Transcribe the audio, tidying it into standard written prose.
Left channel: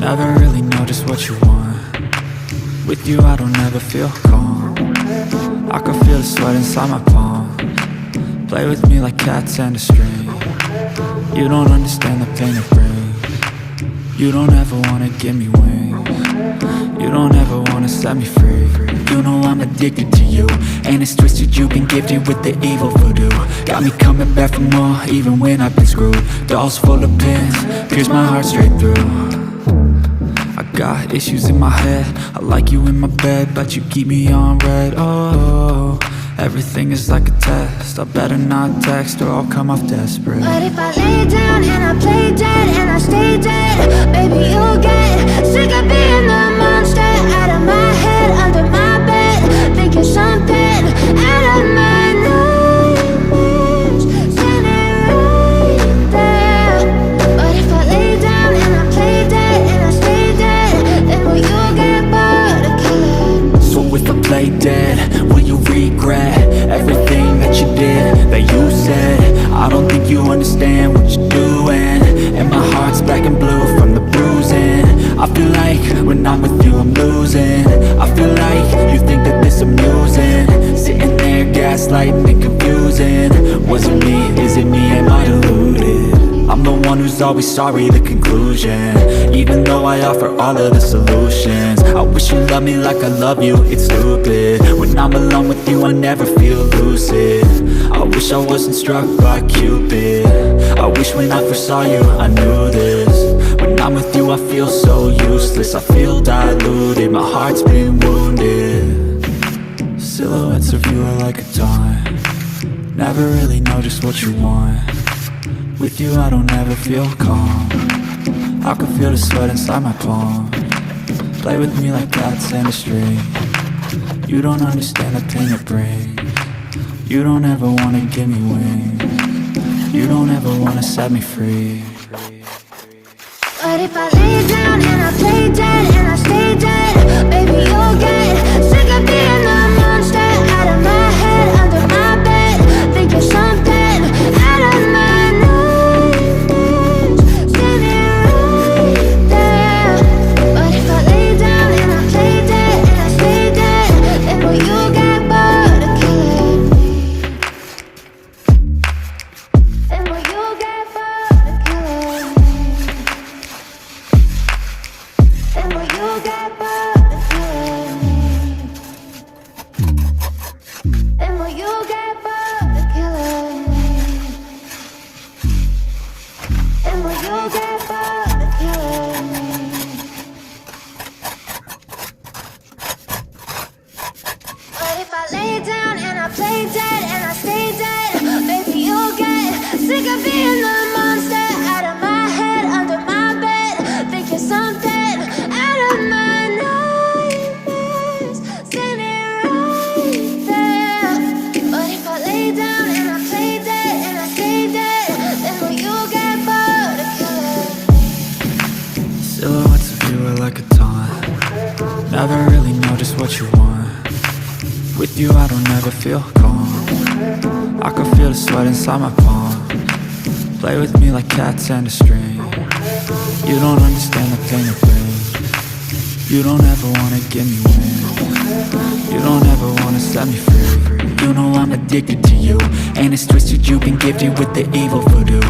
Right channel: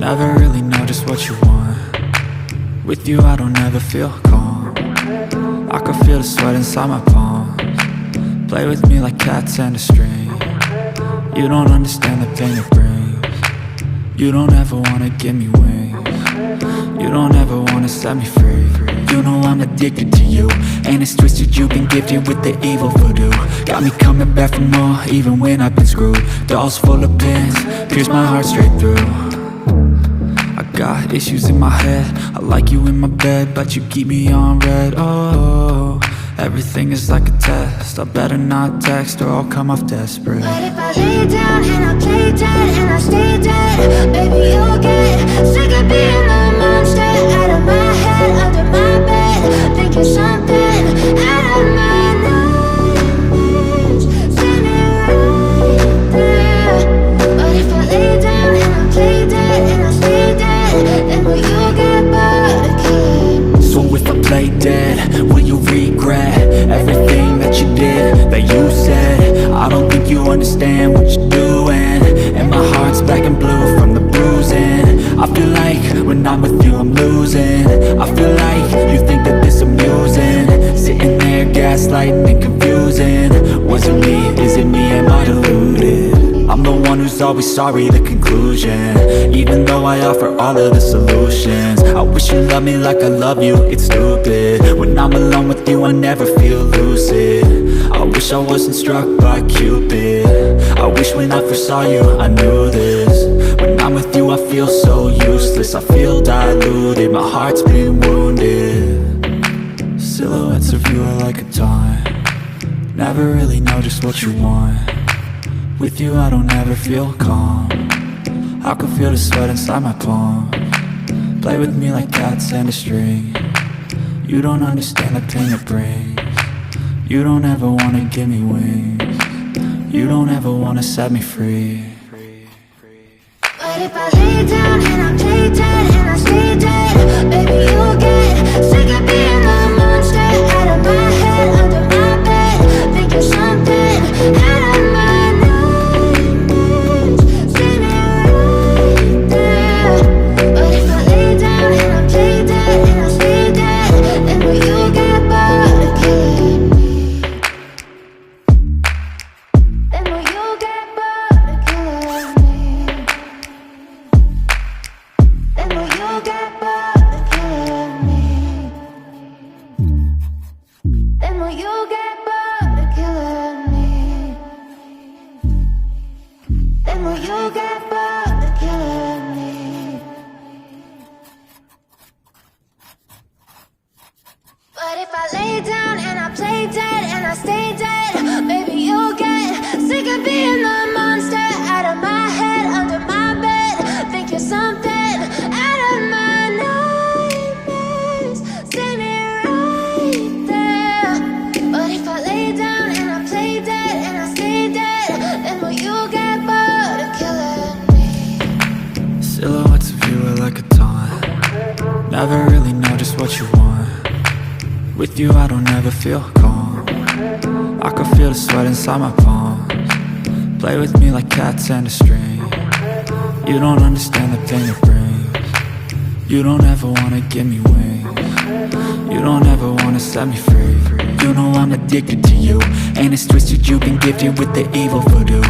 Never really know just what you want. With you I don't ever feel calm. I can feel the sweat inside my palms. Play with me like cats and a string. You don't understand the pain it brings. You don't ever wanna give me wings. You don't ever wanna set me free. You know I'm addicted to you, and it's twisted, you've been gifted with the evil voodoo. Got me coming back for more, even when I've been screwed. Dolls full of pins, pierce my heart straight through. I got issues in my head, I like you in my bed, but you keep me on red. Oh, everything is like a test, I better not text or I'll come off desperate. But if I lay down and I play dead and I stay dead, baby you'll get sick of being the monster out of my head, under my bed, thinking something out of my nightmares, standing right there. But if I lay down and I play dead and I stay dead, then will you get bored of killing? So if I play dead, will you regret everything that you did, that you said? I don't think you understand what you're doing, and my heart's black and blue from the bruising. I feel like when I'm with you I'm losing. I feel like you think that this amusing, sitting there gaslighting and confusing. Was it me? Is it me? Am I deluded? I'm the one who's always sorry, the conclusion, even though I offer all of the solutions. I wish you loved me like I love you, it's stupid. When I'm alone with you I never feel lucid. I wish I wasn't struck by Cupid. I wish when I first saw you I knew this. When I'm with you I feel so useless, I feel diluted, my heart's been wounded. Silhouettes of you are like a taunt. Never really know just what you want. With you I don't ever feel calm. I can feel the sweat inside my palm. Play with me like cats and a string. You don't understand the pain it brings. You don't ever wanna give me wings. You don't ever wanna set me free. But if I lay down and I play dead and I stay dead, baby you'll get sick of being the monster out of my head, under my bed, thinking something out of my nightmares, standing right there. But if I lay down and I play dead and I stay dead, then will you get bored of killing me? Then will you get bored of killing me? Then will you get bored of killing me? Then will you get bored of killing me? Then will you get bored of killing me? But if I lay down and I play dead and I stay dead, baby you'll get sick of being the monster out of my head, under my bed, thinking something out of my nightmares, standing right there. But if I lay down and I play dead and I stay dead, then will you get bored of killing me? Silhouettes of you are like a taunt. Never really know just what you want. With you I don't ever feel calm. I can feel the sweat inside my palms. Play with me like cats and a string. You don't understand the pain it brings. You don't ever wanna give me wings. You don't ever wanna set me free. You know I'm addicted to you, and it's twisted, you've been gifted with the evil voodoo.